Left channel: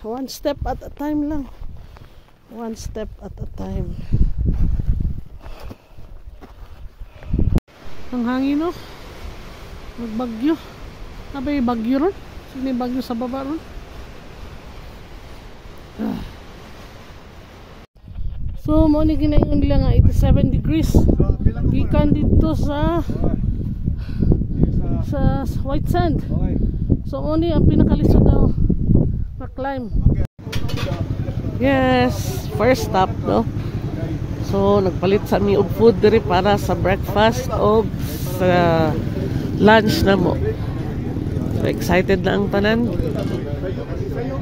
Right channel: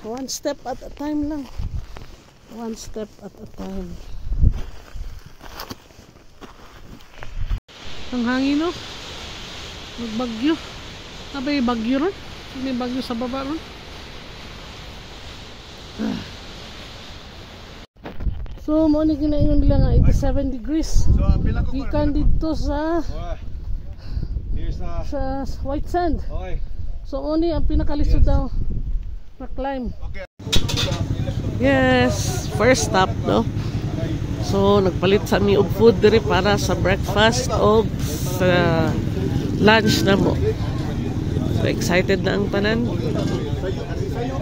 One step at a time lang. One step at a time. Ang hangin, no? Magbagyo. Sabay bagyo ron. May bagyo sa baba ron. So, mo ni ginaingon nila nga 87 degrees. Gikan dito sa white sand. So, mo ni ang pinakalisod daw na climb. Yes, first stop, no? So, nagpalit sa mi og food diri para sa breakfast o sa lunch na mo. So, excited na ang tanan.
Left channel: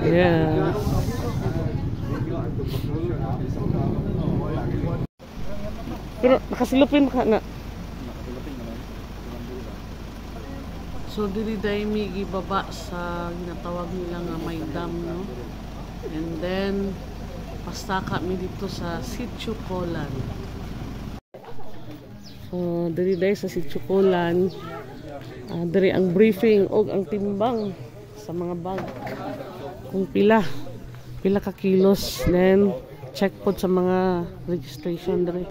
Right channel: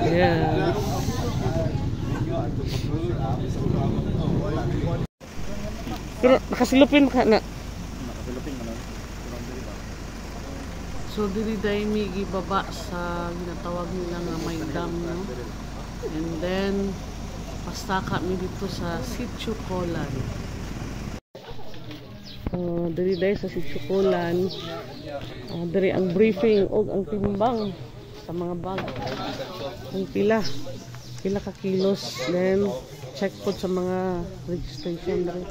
Yeah. Pero nakasilupin ka na. So, diri dahil may gibaba sa ginatawag nila nga may dam, no? And then, pastaka mi dito sa Sitio Colan. Diri dahil sa Sitio Colan, diri ang briefing o ang timbang sa mga bag. Kung pila ka kilos. Then, check po sa mga registration diri.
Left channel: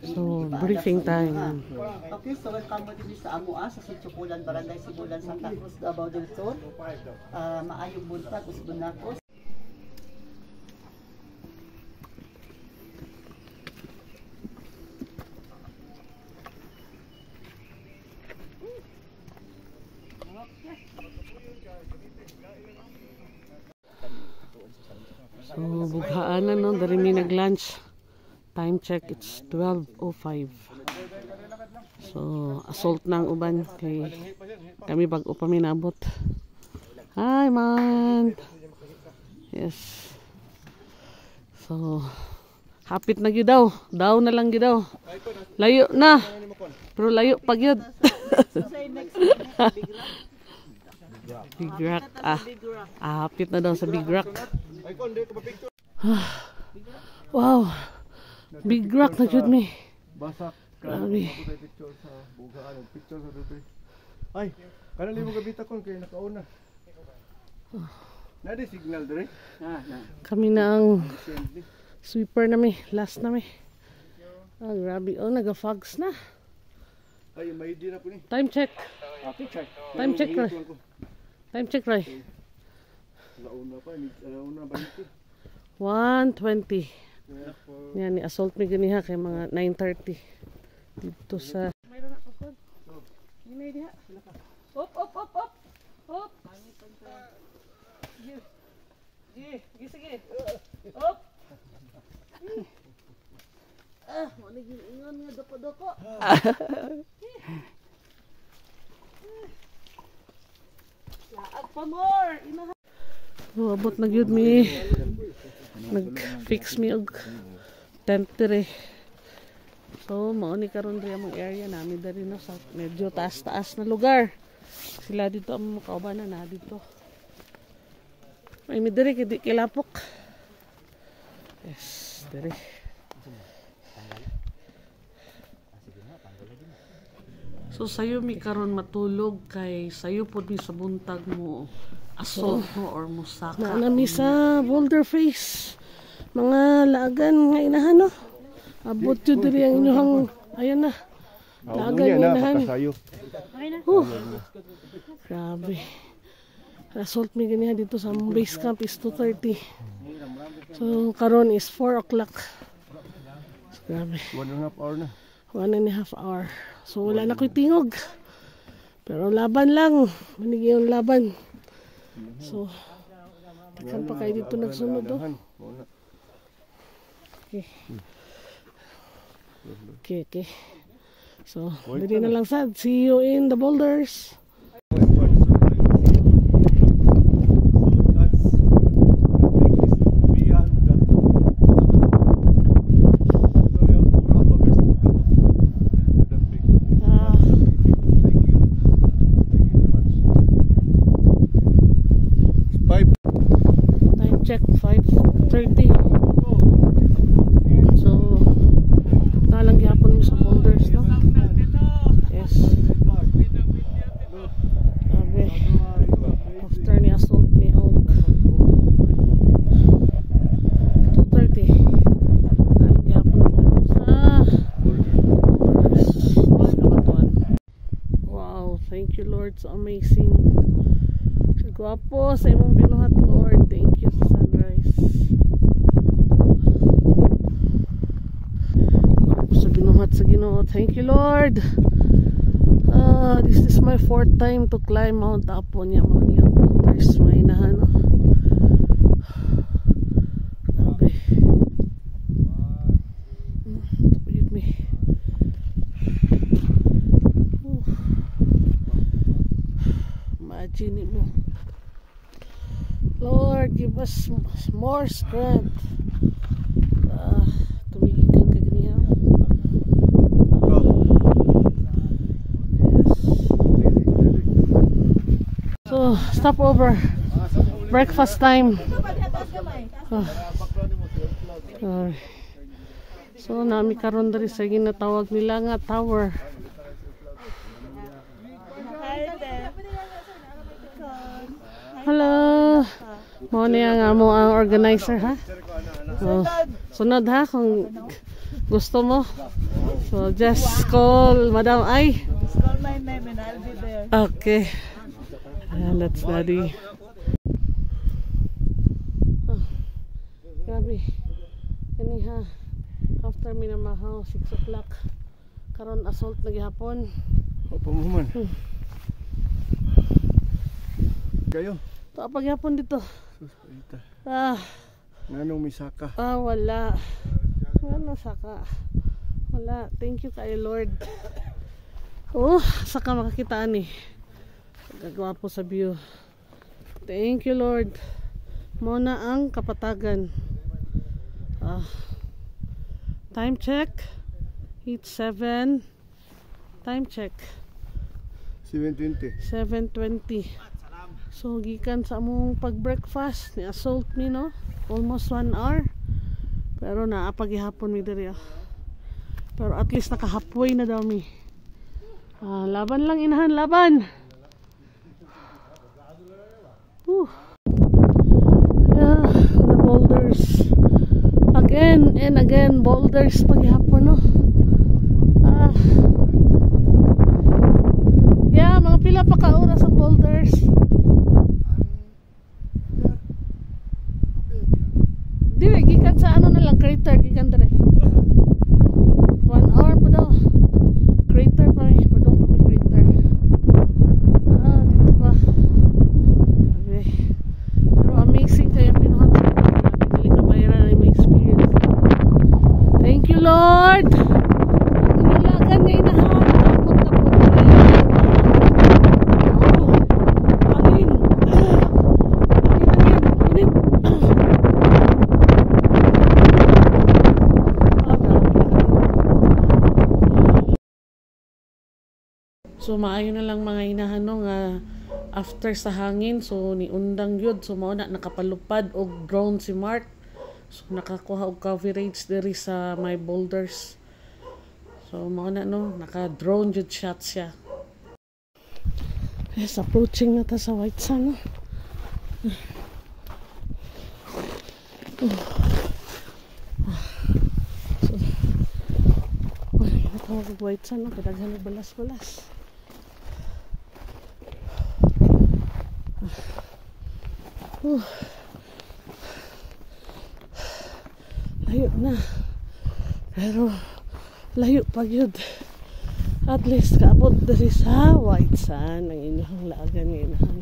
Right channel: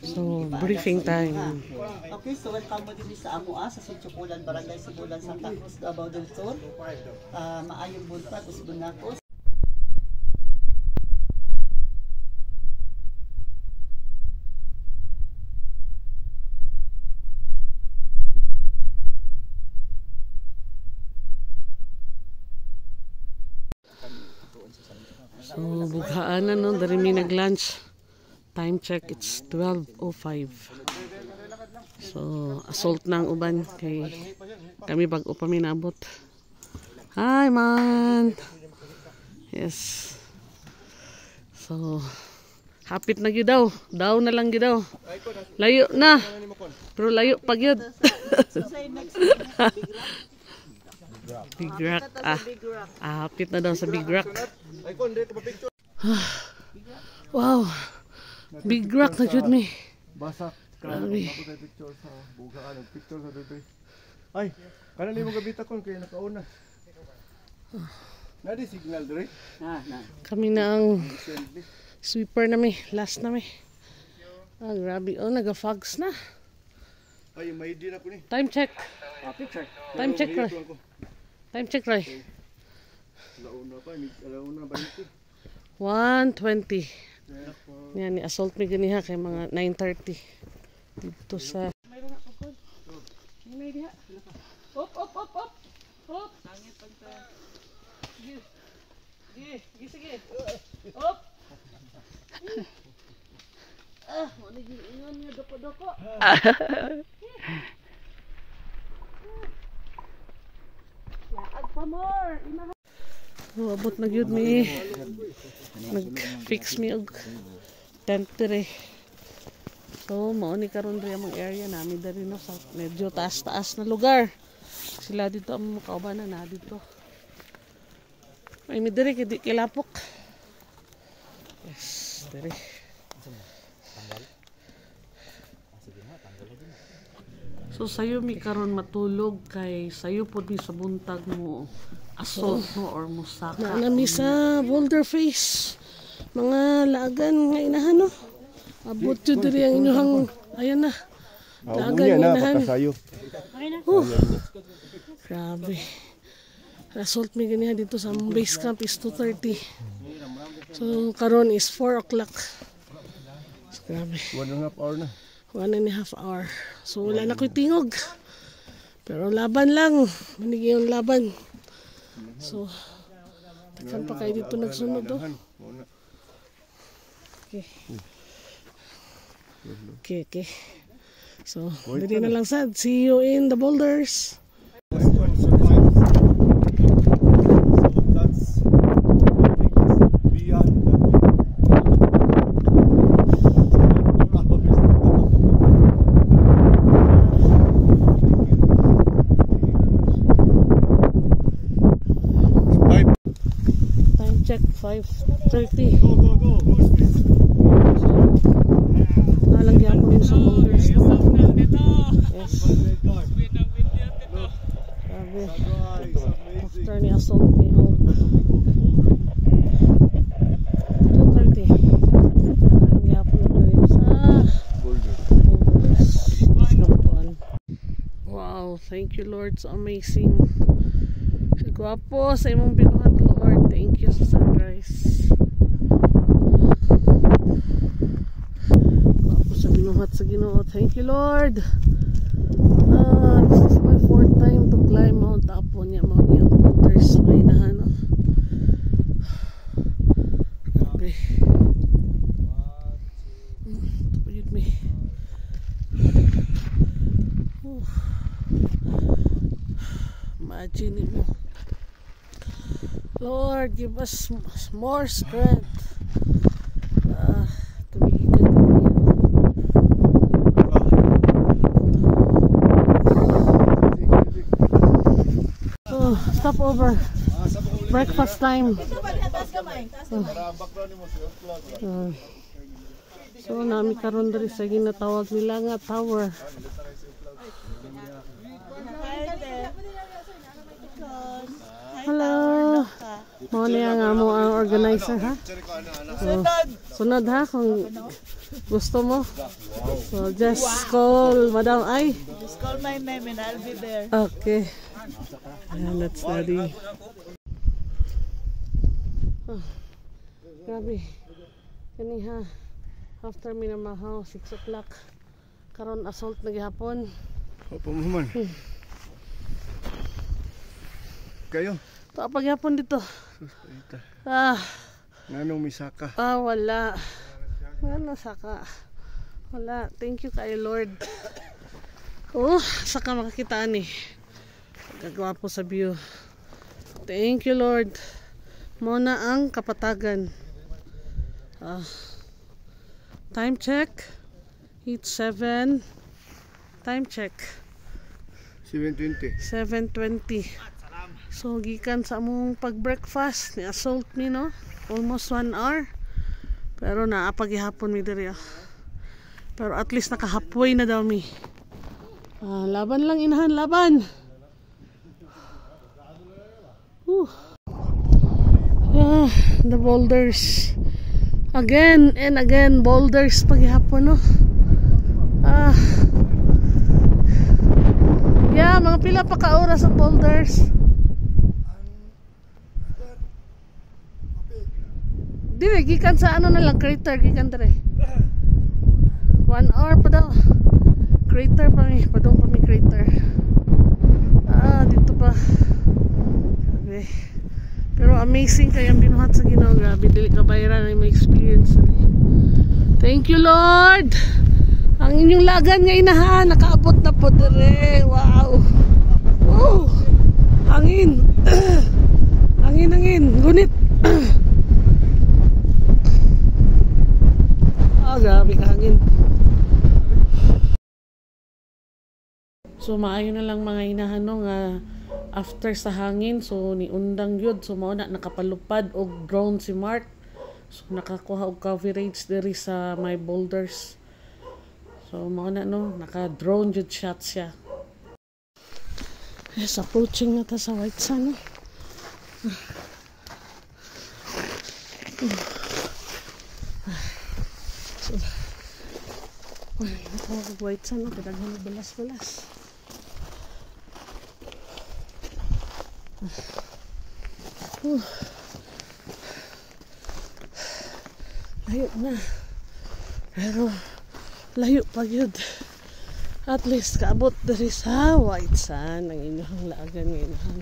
So, briefing time. Okay, so welcome mo din sa Amua, sa Sitio Colan, Barangay Sibulan, Santa Cruz, Davao del Sur. Maayong buntag, Usbunakos. So, bughaan na, no? Dari mi nag-lunch. Time check, it's 12:05. So, assault na ang uban. Kay kami bago pa minabot. Hi, man! Yes. So, hapit na gyud daw. Daw na lang gyud daw. Layo na. Pero layo pag yun. Big Rock. Hapit na daw sa Big Rock. Wow. Big Rock na jud mi. Grabe. Ay, kanali mo gabita kon kay nakauna. Nadi signal dire? Kami na ang sweeper na mi, last na mi. Grabe. Oh, naga-fogs na. Ay, may di na po ni. Time check. Okay, check. Time check, Roy. Time check, Roy. Alauna pa, alauna 20. 1:20. Yan, ni-assault mi ganiha kay mga 9:30. Dito sa... Mayroon na po ko. May diha. Op, op, op, op. Op. Sige. Sige, sige. Op. Wala yung ingon nga doko-doko. Laag pa more. Abot na yun mi. Nag-fix mi og tent dire. So, mao ni karon diri ang area namin dari no sa medyo taas-taas na lugar. Sila dito ang kaubanan na dito. Ay mi diri kay kilapok. Yes, diri. So sayo mi karon matulog kay sayo pod mi sa buntag mo assault mo or musaka. Nami sa Boulder Face. Mga lagan nga inahan no. Abot jud diri ang inyong ayan na. Lagan nga inahan. Grabe. Assault mi ganiha dito sa base camp is 2:30. So karon is 4 o'clock. So, grabe. 1.5 hour na. 1.5 hour. So wala na ko'y tingog. Pero laban lang. Manigi yung laban. So takan pa kayo dito nagsunod do. Okay. Okay, okay. So, dili na lang sad. See you in the boulders. Time check 5:30. So, nalang yapon sa boulders, no? Yes. Thank you, Lord. So amazing. Gwapo sa imong binuhat, Lord. Thank you sa sunrise. Gwapo sa binuhat sa Ginoo. Thank you, Lord. This is my 4th time to climb Mount Apo niya. Mga boulders. May inahan. Grabe. Tapagid me. Imagine mo. Lord, give us more strength. Tumigikan ka niya. So, stop over. Breakfast time. So, nami karon diri sa ginatawag nila nga tower. Hello. Mo niya nga mo ang organizer, ha? So, sunod ha kung gusto mo. So, just call Madam Ai. Just call my name and I'll be there. Okay. Ayan, that's Daddy. Grabe. Kani ha. After minamahaw, 6 o'clock. Karon assault na gihapon. Opo mo man. Kayo? Ito paghapon dito. Nanong misaka? Wala. Ano saka? Wala. Thank you kay Lord. Saka makakitaan eh. Gagwapo sa view. Thank you, Lord. Muna ang kapatagan. Time check. It's 7. Time check. 7:20. 7:20. So, gikan sa among pag-breakfast. Ni-assault me, no? Almost 1 hour. Pero naapagihapon mi diri. Pero at least naka-halfway na daw mi. Laban lang, inahan. Laban! Yeah, the boulders again and again. Boulders paghihapon, no? Yeah, mga pila pa ka oras sa boulders. Dire gikan sa ano na lang crater, gikan dire 1 hour pa daw crater pa mi, padong pa mi crater. Dito pa. Okay. Pero amazing kaya ang binuhat sa Ginoo. Grabe, dili ka bayran ay may experience. Thank you, Lord. Ang inyong lagan nga inahan, nakaabot na po dire. Wow. Hangin. Hangin. Gunit. Grabe ka hangin. So maayo na lang mga inahan no nga after sa hangin, so ni undang yun, so mao na nakapalupad og drone si Mark, so nakakuha og coverage diri sa my boulders, so mao na no naka drone jud shot siya. Yes, approaching na ta sa White Sand, no? So natawag og White Sand, no? Kadaghan og balas-balas. Layo na, pero layo pa yun. At least kaabot dari sa White Sand ang inyong laagan ngayon.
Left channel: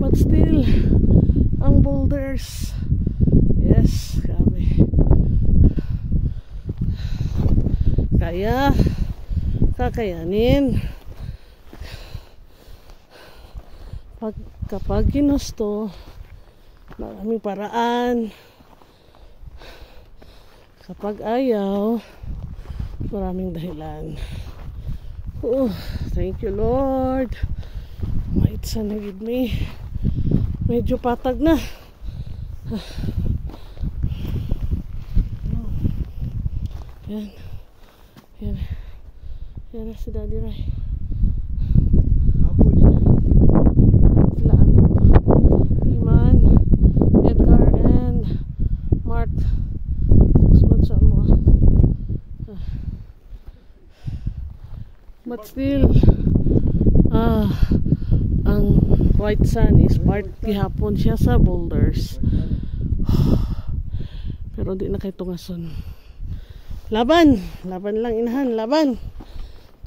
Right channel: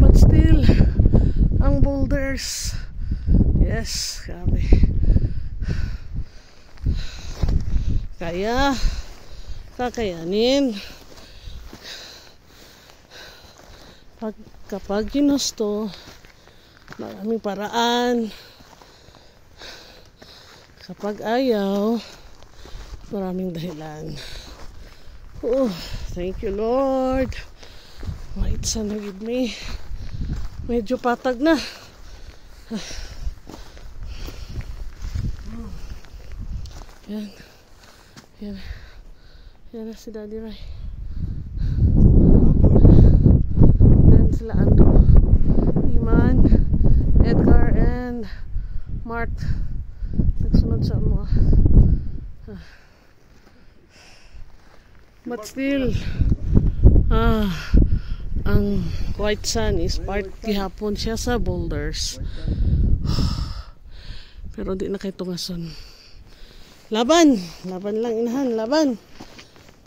But still ang boulders, yes, grabe. Kaya kakayanin. Kapag ginusto, maraming paraan. Kapag ayaw, maraming dahilan. Thank you, Lord. White Sand na gid me. Medyo patag na. Yan. Yan na si Daddy Ray. Then sila Andrew, Iman, Edgar, and Mark. Sunod sa mo. But still, ang white sand is part gihapon siya sa boulders. Pero di na kay tungason. Laban lang inahan, laban.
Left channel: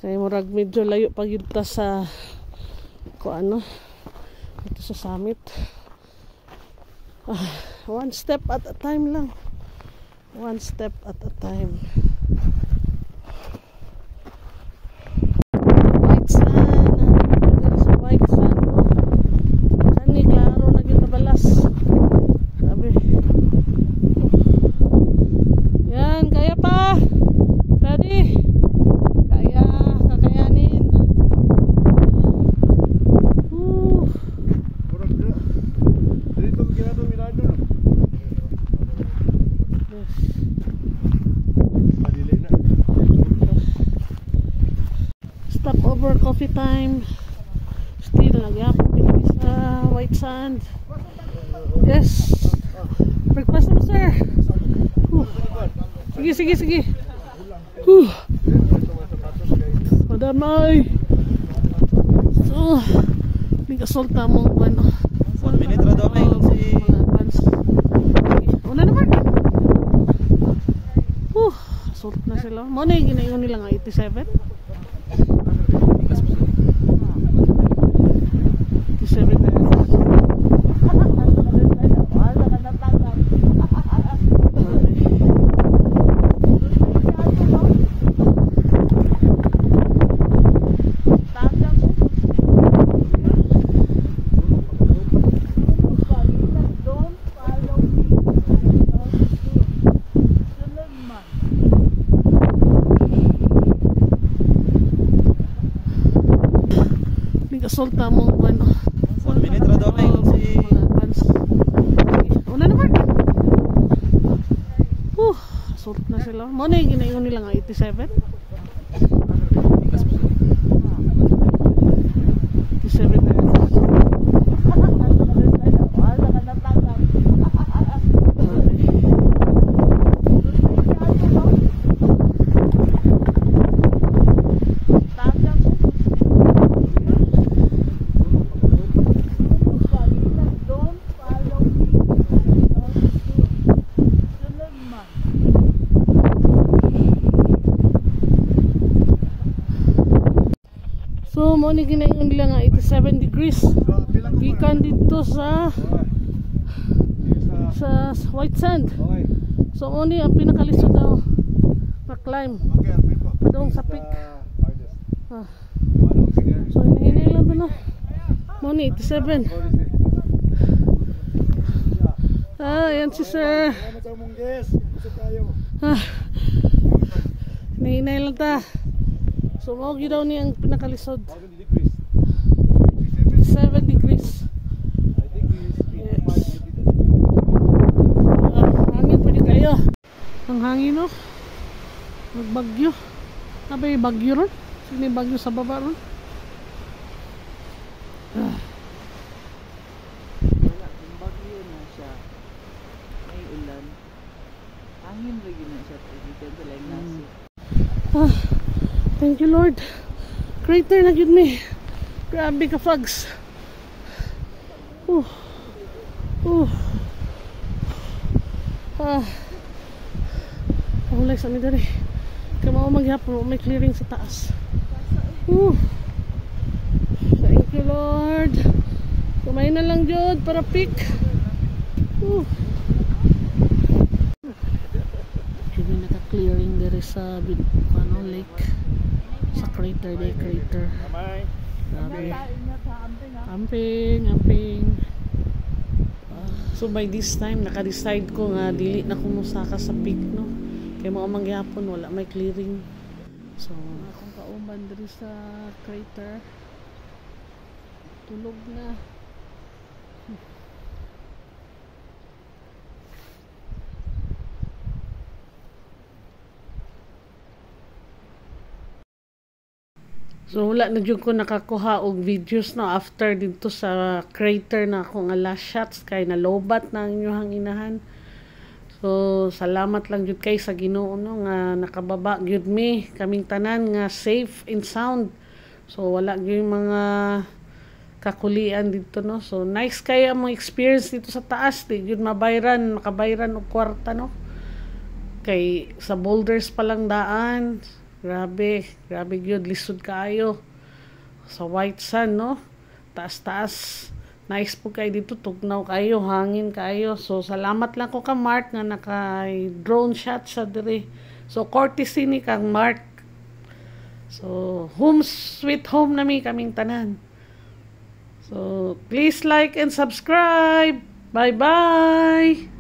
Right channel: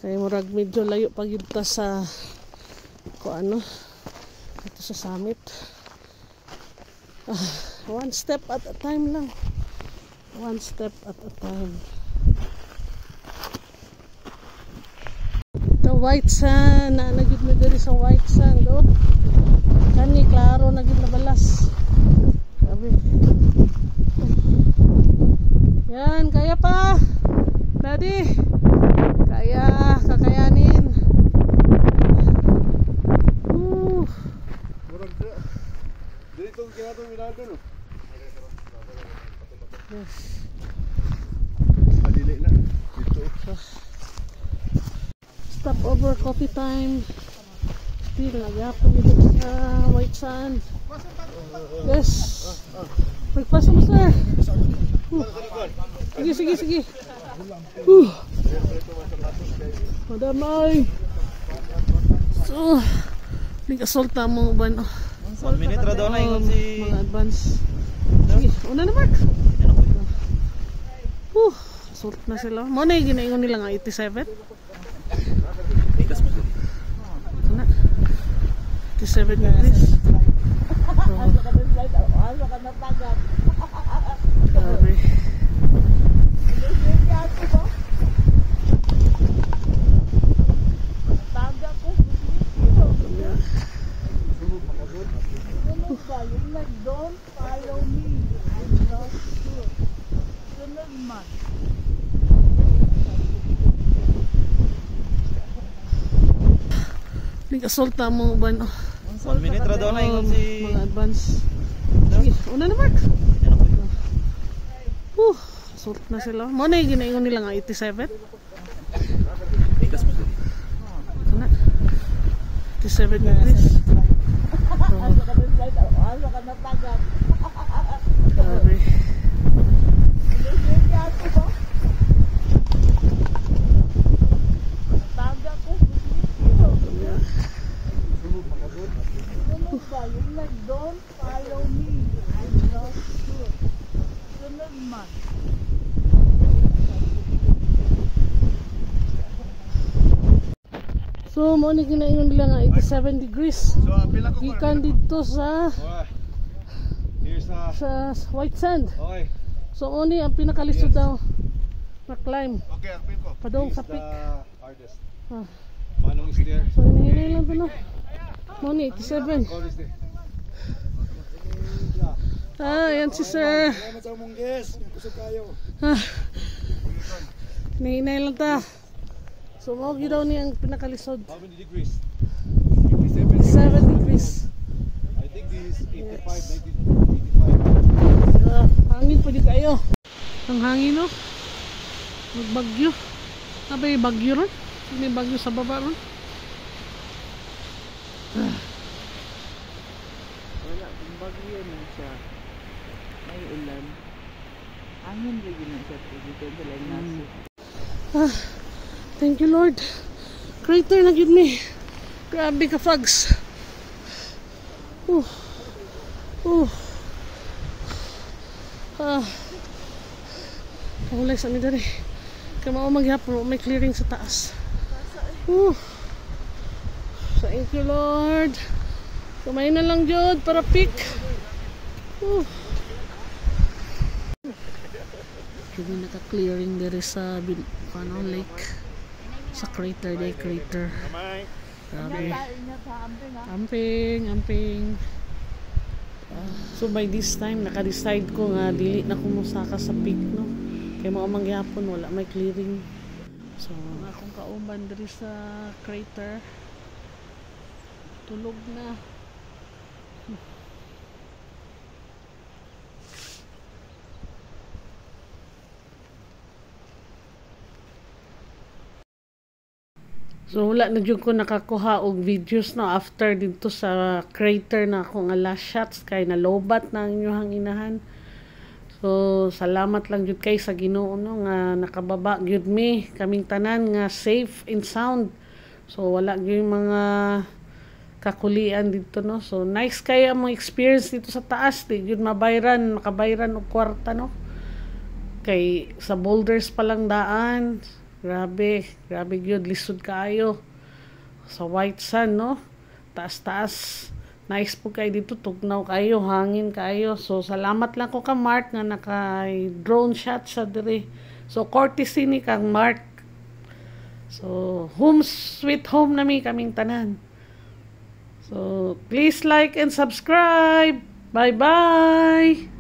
Kaya murag medyo layo pag yun sa ito sa summit. One step at a time lang. One step at a time. The white sand, dito din sa white sand, oh. Kani klaro na kita balas. Sabi. Yan, kaya pa. Daddy. Kaya, kakayanin. Yes. Stop over coffee time. Still nagyapon sa white sand. Yes. Breakfast mo, sir. Sige. Madamay. So, nag-assault na mong ano. Mga advance. Sige, una naman. Assault na sila. Muna yung ginaingon nila nga 87. 87 minutes. Assault na mong ano. Mga advance. Sige, una naman. Assault na sila. Muna yung ginaingon nila nga 87. 87 minutes. So, mo ni ginaingon nila nga 87 degrees. Gikan dito sa white sand. So, mo ni ang pinakalisod daw na climb. Padong sa peak. So, hinahinay lang doon. Mo ni 87. Yan si sir. Hinahinay lang ta. So, mawag daw niya ang pinakalisod. How many degrees? 7 degrees. I think this is 85, 90. Hangin pwede kayo. Ang hangin, no? Magbagyo. Abay, bagyo ron. May bagyo sa baba ron. Bagyo na siya. May ulan. Hangin rin na siya. Dito lang nasa. Thank you, Lord. Crater na yun ni. Grabe ka, Fags. Pahulay sa amin dali. Kaya maghapon, may clearing sa taas. Thank you, Lord. Kamay na lang dyan para pick. Hindi naka-clearing diri sa lake. Sa crater, day crater. Grabe. Amping. So by this time, naka-decide ko nga dili na kumusaka sa peak, no? Kaya mga mangyapon, wala may clearing. So, akong kauban diri sa crater. Tulog na. So wala na jud ko nakakuha og videos no after dito sa crater na akong last shots kay nalobat na ang inyong inahan. So salamat lang jud kay sa Ginoo no nga nakababa gyud mi kaming tanan nga safe and sound. So wala gyud mga kakulian dito no. So nice kaya mo experience dito sa taas, di gyud makabayran og kwarta no. Kay sa boulders pa lang daan. Grabe gyud lisod kaayo. Sa white sand no. Taas. Nice po kayo dito, tugnaw kayo, hangin kayo. So salamat lang ko ka Mark nga naka-drone shot sa dire. So courtesy ni kang Mark. So home sweet home nami kaming tanan. So please like and subscribe. Bye-bye.